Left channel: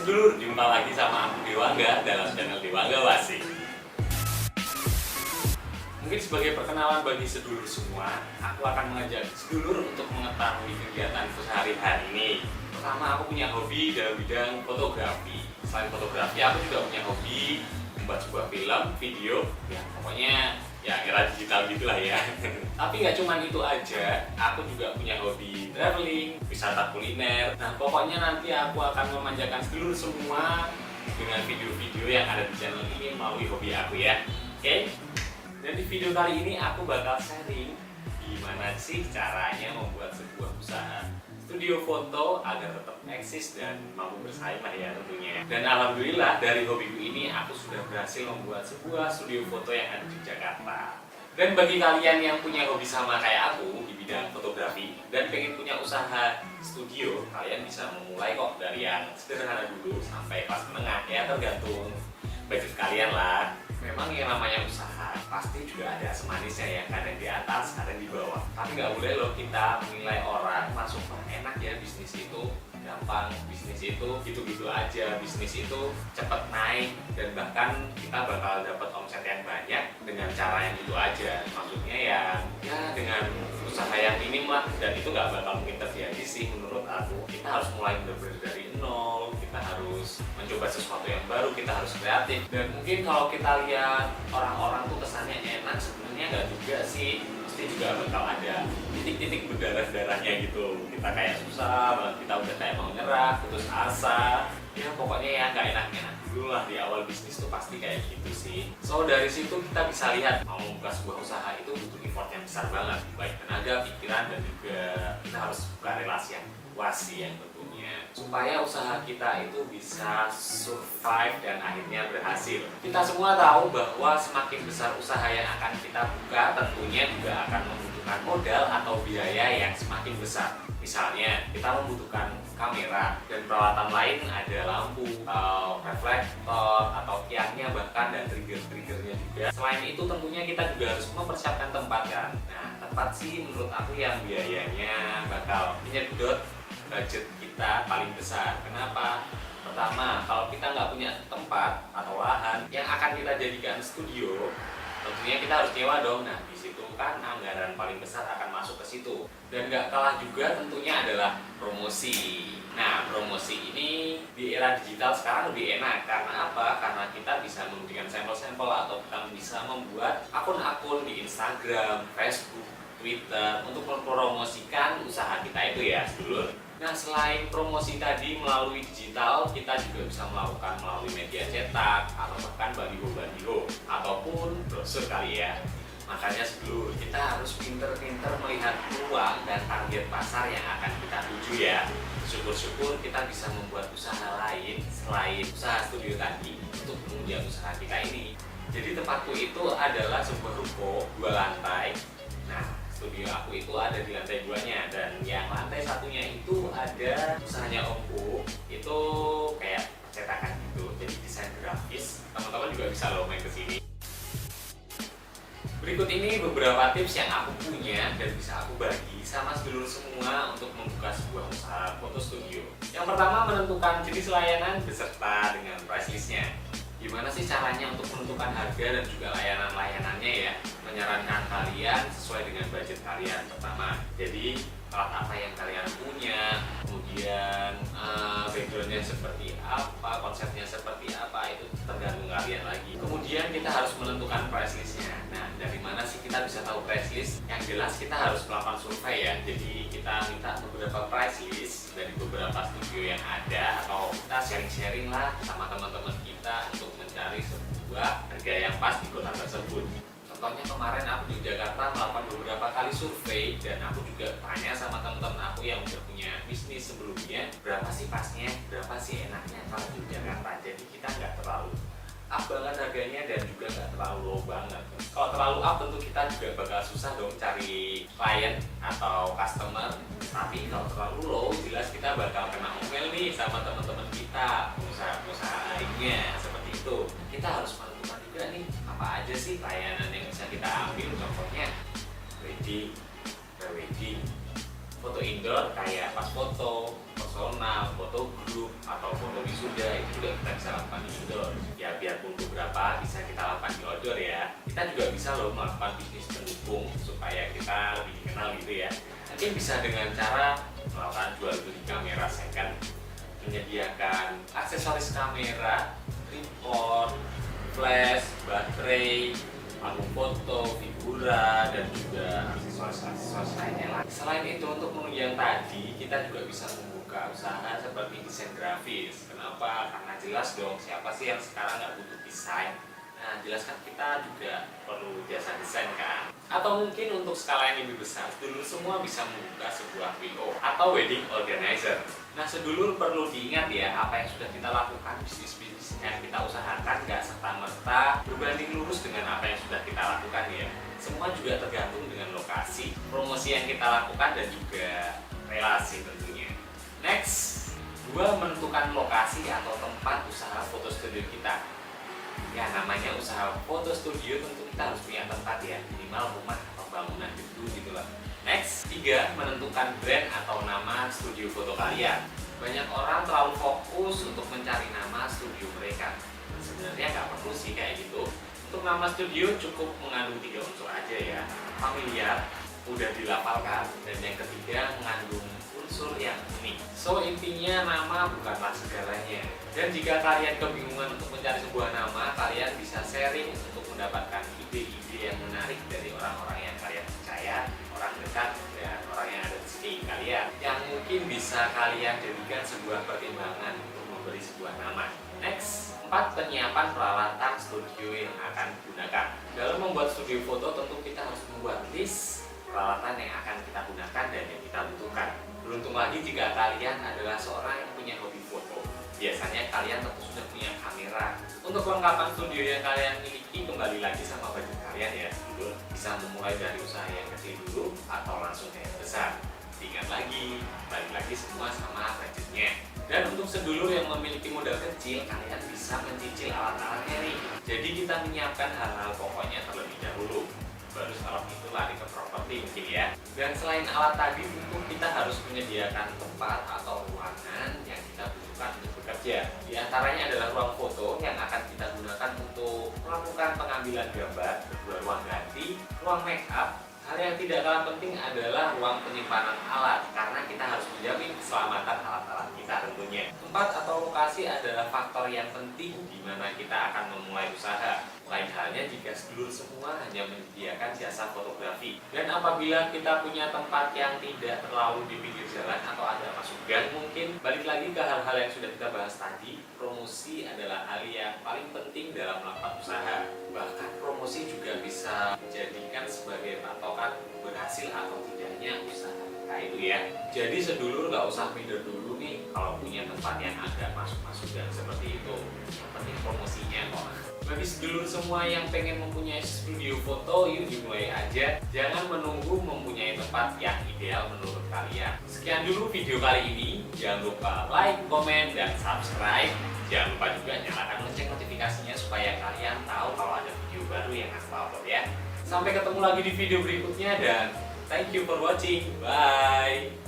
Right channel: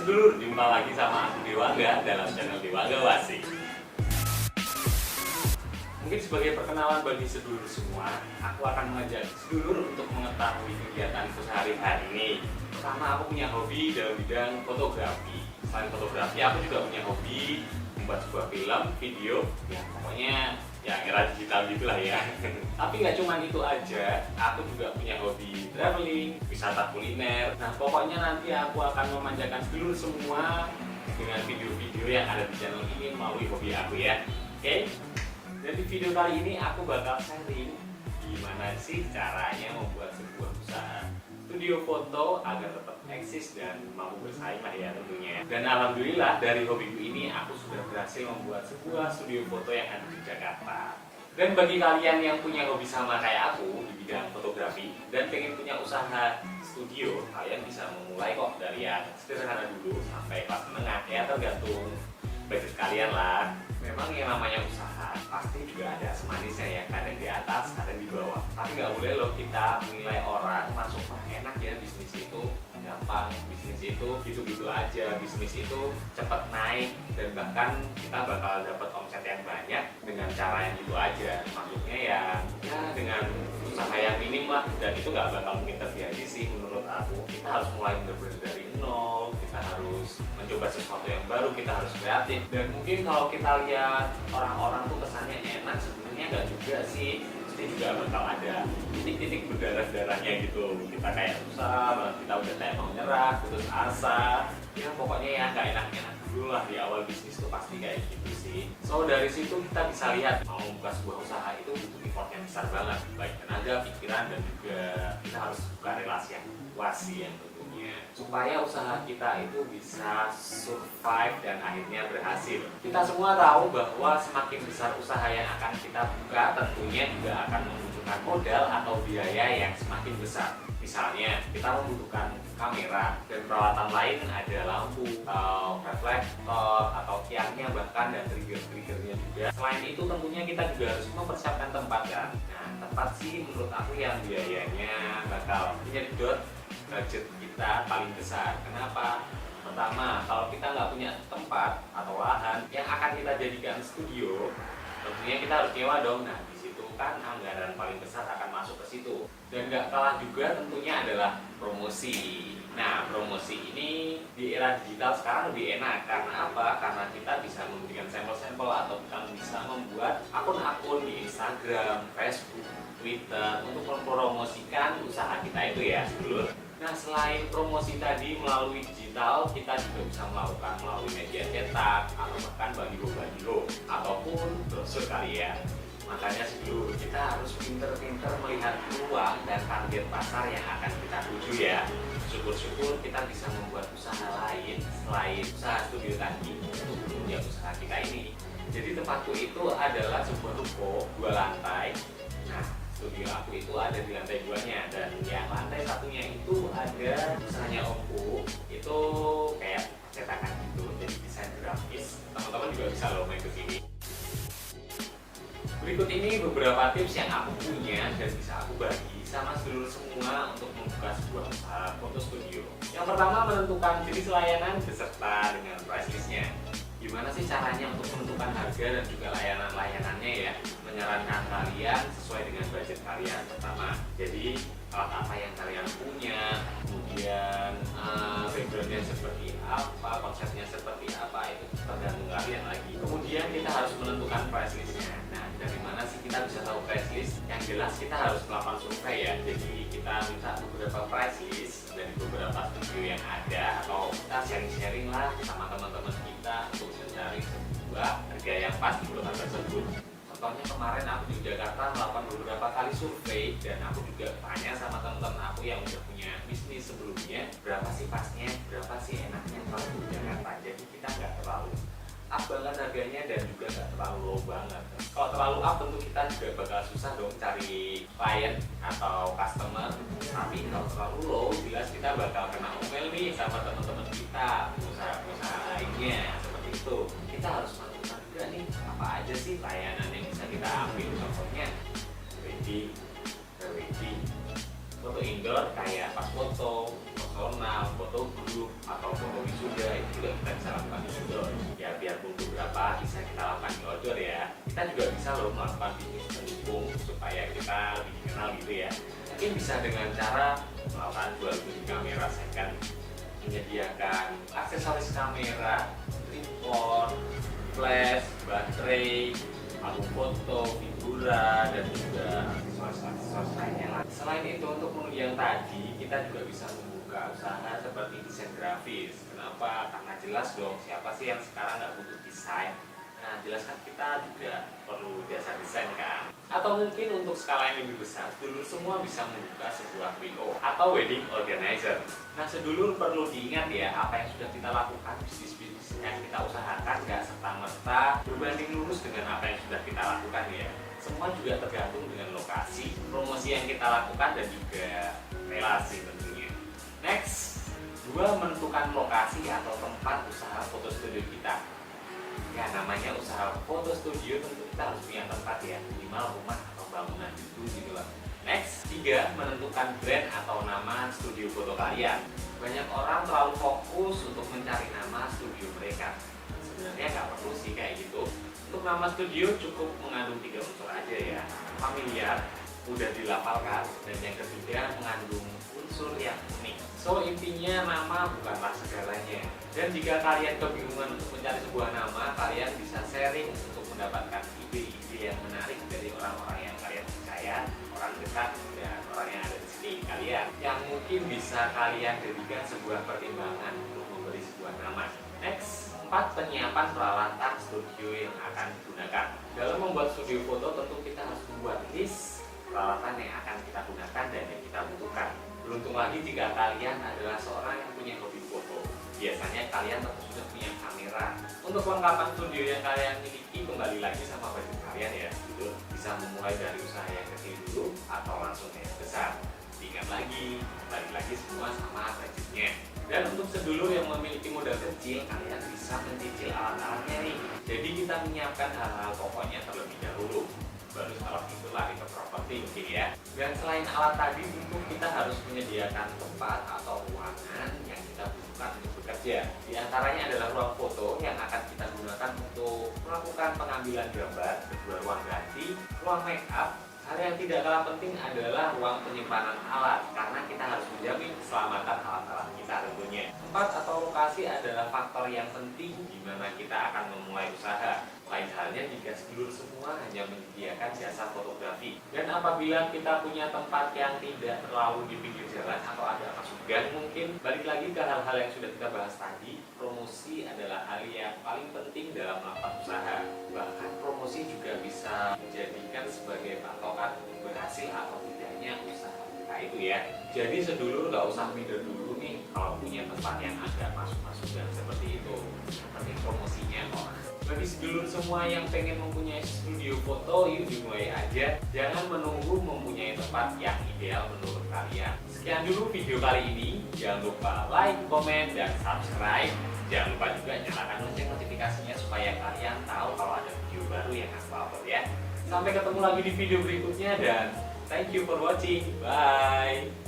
sedulur, jumpa lagi sama aku Dewangga dalam channel Dewangga Wasik. Mungkin sebagai perkenalan bagi sedulur semua, aku akan mengajak sedulur untuk mengetahui kegiatanku sehari-hari ini. Pertama, aku punya hobi dalam bidang fotografi. Selain fotografi, aku juga punya hobi membuat sebuah film, video, ya pokoknya ya era digital gitulah ya. Tapi nggak cuma itu aja, aku juga punya hobi traveling, wisata kuliner. Nah pokoknya nanti aku akan memanjakan sedulur semua dengan video-video yang ada di channel ini melalui hobi aku ya. Oke? Dan di video kali ini aku bakal sharing gimana sih caranya membuat sebuah usaha studio foto agar tetap eksis dan mampu bersaing lah ya tentunya. Dan alhamdulillah dari hobiku ini aku sudah berhasil membuat sebuah studio foto yang ada di Jakarta. Dan bagi kalian yang punya hobi sama kayak aku di bidang fotografi dan pengen punya usaha studio, kalian bisa memulai kok dari yang sederhana dulu sampai kelas menengah ya, tergantung budget kalian lah. Memang yang namanya usaha pasti juga ada semanisnya ya, kadang di atas, kadang di bawah. Tapi nggak boleh loh kita menilai orang masuk wah enak ya bisnis itu, gampang bisnis itu, gitu-gitu aja, bisnis itu cepat naik dan bahkan kita bakal dapat omset yang banyak dengan cara yang itu aja. Maksudnya ya dengan usaha yang minim lah, dan itu nggak bakal mungkin terjadi sih menurut aku. Kita harus mulai benar-benar dari nol, kita harus mencoba sesuatu yang baru, kita harus kreatif. Dan mungkin kalau kita lihat orang-orang tuh kesannya enak, sebenarnya nggak juga sih, pasti juga bakal ada titik-titik berdarah-darahnya gitu. Kita kayak susah banget, kita udah kayak mau nyerah, putus asa, ya pokoknya ya nggak enak-enak dulu lah di awal bisnis tuh pasti kayak gitu sih. So dari situ kita bisa lihat mau membuka sebuah usaha itu butuh effort yang besar banget, baik tenaga, pikiran, dan juga kita harus buka relasi yang wasi yang tentunya supaya usaha kita itu bisa survive dan akhirnya berhasil. Kita semua tahu bahwa semakin besar usaha yang akan kita buka tentunya juga akan membutuhkan modal atau biaya yang semakin besar. Misalnya kita membutuhkan kamera dan peralatan lain, ada lampu, reflektor atau tiangnya bahkan, dan trigger-triggernya juga. Selain itu tentunya kita juga harus mempersiapkan tempat kan. Nah tempat sih menurut aku yang biayanya bakal menyedot budget kita paling besar. Kenapa? Pertama, kalau kita nggak punya tempat atau lahan yang akan kita jadikan studio, tentunya kita harus nyewa dong. Nah di situ kan anggaran paling besar akan masuk ke situ. Dan nggak kalah juga tentunya adalah promosi. Nah promosi ini di era digital sekarang lebih enak. Karena apa? Karena kita bisa memberikan sampel-sampel atau kita bisa membuat akun-akun di Instagram, Facebook, Twitter untuk mempromosikan usaha kita itu ya sedulur. Nah selain promosi tadi melalui digital, kita juga bisa melakukan melalui media cetak atau bahkan baliho-baliho ataupun brosur kali ya. Makanya sedulur, kita harus pinter-pinter melihat peluang dan target pasar yang akan kita tuju ya. Syukur-syukur kita bisa membuat usaha lain selain usaha studio tadi untuk menunjang usaha kita ini. Jadi tempatku itu adalah sebuah ruko 2 lantai. Nah studio aku itu ada di lantai 2-nya, dan yang lantai satunya itu ada usahanya omku, itu kayak cetakan gitu, jadi desain grafis. Teman-teman juga bisa loh main ke sini. Berikut ini beberapa tips yang aku punya dan bisa aku bagi sama sedulur semua untuk membuka sebuah usaha foto studio. Yang pertama, menentukan jenis layanan beserta dengan price list-nya. Gimana sih caranya untuk menentukan harga dan juga layanan-layanannya ya? Menyarankan kalian sesuai dengan budget kalian pertama. Jadi alat apa yang kalian punya, kemudian backgroundnya seperti apa, konsepnya seperti apa, itu tergantung kalian lagi. Kemudian kita harus menentukan price listnya. Nah dari mana sih kita bisa tahu price list? Yang jelas kita harus melakukan survei ya. Jadi kita minta beberapa price list dari beberapa studio yang ada, atau kita sharing-sharing lah sama teman-teman kita untuk mencari sebuah harga yang pas di kota tersebut. Contohnya kemarin aku di Jakarta melakukan beberapa kali survei, dan aku juga tanya sama teman-teman aku yang udah punya bisnis sebelumnya, berapa sih pasnya, berapa sih enaknya kalau di Jakarta. Jadi kita nggak terlalu up banget harganya dan juga nggak terlalu low banget. Kalau terlalu up tentu kita juga bakal susah dong cari klien atau customer. Tapi kalau terlalu low jelas kita bakal kena omel nih sama teman-teman kita, pengusaha-pengusaha lainnya seperti itu. Kita harus menentukan juga nih apa aja sih layanan yang bisa kita ambil. Contohnya wedding, pre-wedding, foto indoor kayak pas foto, personal, foto grup, atau foto wisuda, untuk melakukan bisnis pendukung supaya kita lebih dikenal gitu ya. Mungkin bisa dengan cara melakukan jual beli kamera second, menyediakan aksesoris kamera, tripod, flash, baterai, album foto, figura, dan juga aksesoris lainnya lah. Selain itu, untuk menunjang tadi, kita juga bisa membuka usaha seperti desain grafis. Kenapa? Karena jelas dong, siapa sih yang sekarang nggak butuh desain? Nah, jelas kan kita juga perlu jasa desain kan? Atau mungkin untuk skala yang lebih besar, sedulur semua bisa membuka sebuah WO atau wedding organizer. Nah, sedulur perlu diingat ya, apa yang sudah kita lakukan, bisnis-bisnis yang kita usahakan gak serta-merta berbanding lurus dengan apa yang sudah kita lakukan ya. Semua juga tergantung dengan lokasi, promosi yang kita lakukan, dan juga relasi tentunya. Next, 2, menentukan lokasi atau tempat usaha foto studio kita. Ya, namanya usaha foto studio tentu kita harus punya tempat ya, minimal rumah atau bangunan gitu lah. Next, 3, menentukan brand atau nama studio foto kalian. Banyak orang terlalu fokus untuk mencari nama studio mereka. Sebenarnya nggak perlu sih kayak gitu. Untuk nama studio cukup mengandung 3 unsur aja ya. Familiar, mudah dilafalkan, dan yang ketiga mengandung unsur yang unik. So, intinya nama bukanlah segalanya. Dan jika kalian kebingungan untuk mencari sebuah nama, kalian bisa sharing untuk mendapatkan ide-ide yang menarik dari orang-orang yang kalian percaya, orang dekat, dan orang yang ada di sekeliling kalian, yang mungkin bisa kalian jadikan sebuah pertimbangan untuk memberi sebuah nama. Next, 4, penyiapan peralatan studio yang akan digunakan. Dalam membuat studio foto, tentu kita harus membuat list peralatan yang akan kita gunakan dan yang kita butuhkan. Beruntung lagi jika kalian adalah seorang yang punya hobi foto. Biasanya kalian tentu sudah punya kamera. Untuk kelengkapan studio yang kalian miliki, kembali lagi sama budget kalian ya. Dulu bisa memulai dari usaha yang kecil dulu atau langsung yang besar. Ingat lagi, balik lagi semua sama budgetnya. Dan untuk sedulur yang memiliki modal kecil, kalian bisa mencicil alat-alatnya nih. Jadi kita menyiapkan hal-hal pokoknya terlebih dahulu, baru setelah itu lari ke properti mungkin ya. Dan selain alat tadi, tentu kita harus menyediakan tempat atau ruangan yang kita butuhkan untuk bekerja. Di antaranya adalah ruang foto yang akan kita gunakan untuk melakukan pengambilan gambar, kedua ruang ganti, ruang make up. Hal yang tidak kalah penting adalah ruang penyimpanan alat, karena kita harus menjamin keselamatan alat-alat kita tentunya. Tempat atau lokasi adalah faktor yang penting di mana kita akan memulai usaha. Lain halnya jika sedulur semua hanya menyediakan jasa fotografi. Dan apabila kita punya tempat yang tidak terlalu di pinggir jalan atau ada masuk gang mungkin, balik lagi ke hal-hal yang sudah kita bahas tadi, promosi adalah hal yang paling penting dalam melakukan usaha. Bahkan promosi juga bisa dijadikan sebagai patokan berhasil atau tidaknya usaha kita itu ya. Jadi sedulur nggak usah minder dulu nih kalau punya tempat yang agak masuk-masuk dan seperti itu. Yang penting promosinya kok. Bagi sedulur semua yang pengen mempunyai studio foto, yuk dimulai aja. Jangan menunggu mempunyai tempat yang ideal menurut kalian. Sekian dulu video kali ini. Jangan lupa like, komen, dan subscribe. Jangan lupa juga nyalakan lonceng notifikasinya supaya kalian tahu kalau ada video baru yang aku upload ya. Sampai ketemu lagi di video berikutnya dan thank you for watching. Bye.